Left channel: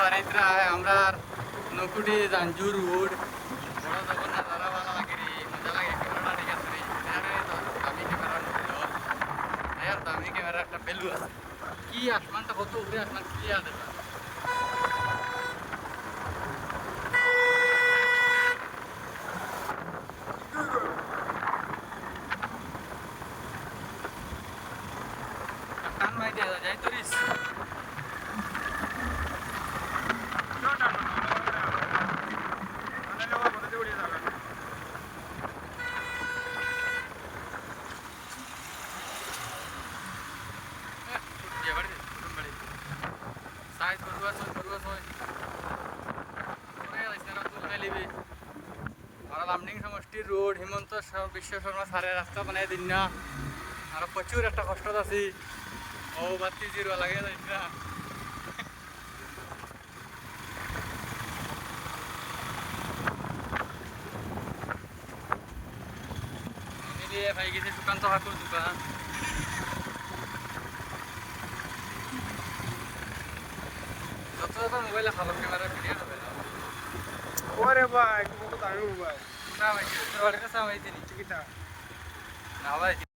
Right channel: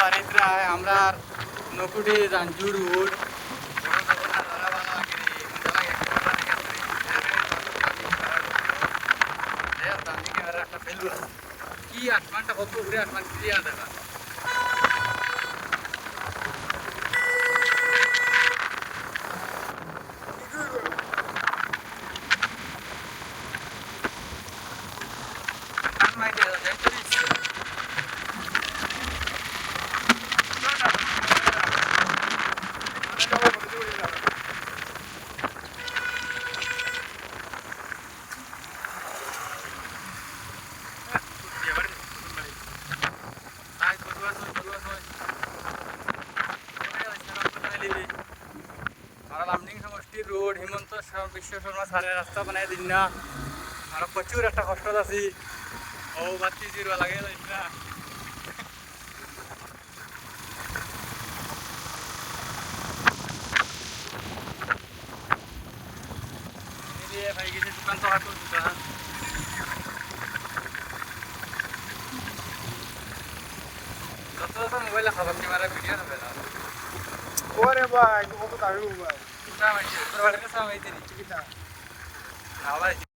বাড়িতে আমরা নকুটি রাঞ্জু রোড বড় যখন নজারা ভালো লাগে রে মজা লাগে ক্যামেরাটা দেখে আসতে দামি ক্যামেরা দামি ক্যামেরা একটা ফেলু আছে কি আসমানটা কত উপরে আসমান ক্লিয়ার দেখা টান মাইতে যাই তোরিস আর লামডিং সমষ্টির রোড হিমন্ত বিশ্ব শর্মা সারের রাস্তা বানাই দিন না আর প্রচুর একটা কষ্ট আছি ও বাতি জিরো লাগে না ভাই গেছে দোকান তো হাঁটু দোকান যত মোবাইলে খাবার ক্যামেরা ভিডিও হবে না ওরে ভাই কত দামি মোবাইল সামাইছি বাড়িতে সামাইছি টিকিটা না ভাই